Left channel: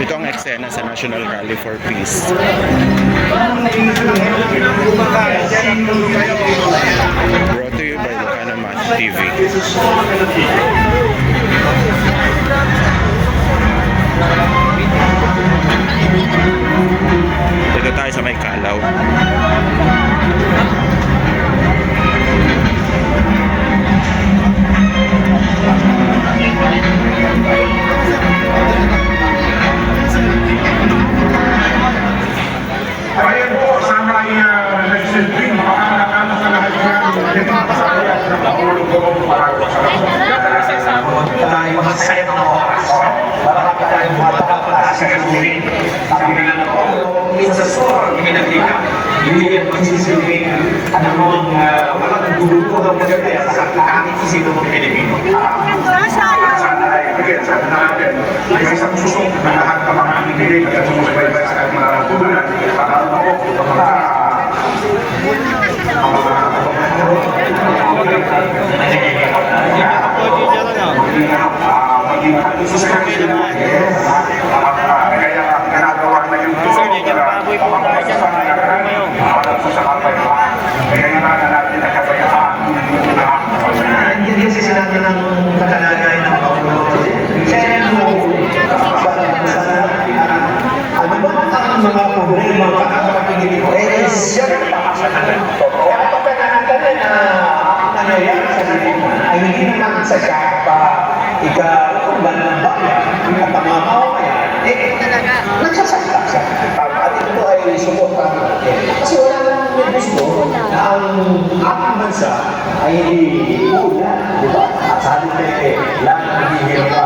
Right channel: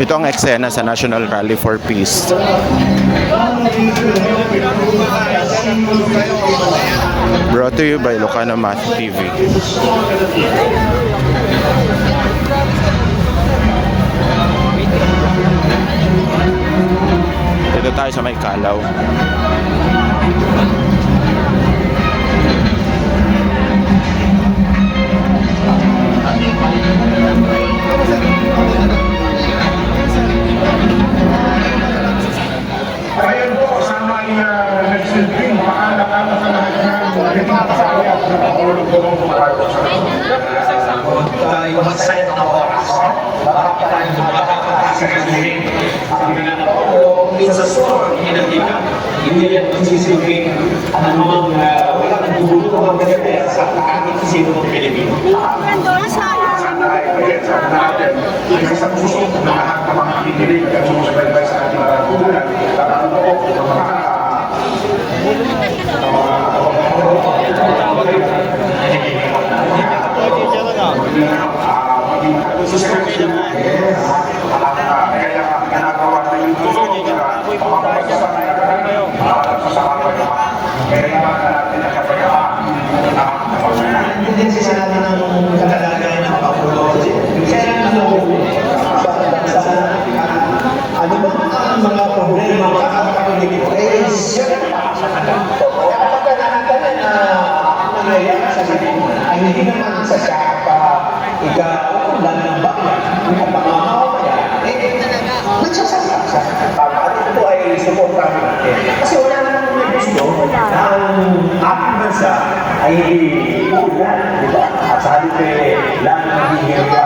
Ito ang eksena sa National Rally for Peace. Brought to you by Lucana Math TV. Dito tayo sa may Kalaw. Ayun po, sana nagsilbing makaanakano sa lahat ng pasaya at nakahulog doon para sa tayo magsaya ng oras. Marami tayong mapakakasi sa kasirin. Sabi nga na po, hindi sa sor, hindi nagika. Hindi yan magsisilbing anumang walang gulupo ng maganda sa kahit sino ng Pilipino. Sana ay pag-iensan natin ay isang susok na lahat ng mga individu at sumusunod sa ating mga bulan. Pagkaroon po ng mga maging konsistente na at kaya ginagawa na yung tulong pamamagitan ng nagkaroon sa kapayapaan. Kaya kailangan natin na kapayapaan. Hindi kasi sinabi ng pagkalagay ng mga pulo. Kaya ano ba ang mga problema ang kakapagpili ko? Siyempre totoo. Kaya pagkanahan na ang nangyayari sa Pilipinas ay hindi naman sa pa ikaw-ulan ng bayan at ang mga mamamayan, nagsasalita siya. At ito ay suportahan natin. Kasi wala nang gusto na ang ating bansa ay ulan, di ba? At sabi ko, lang nagiging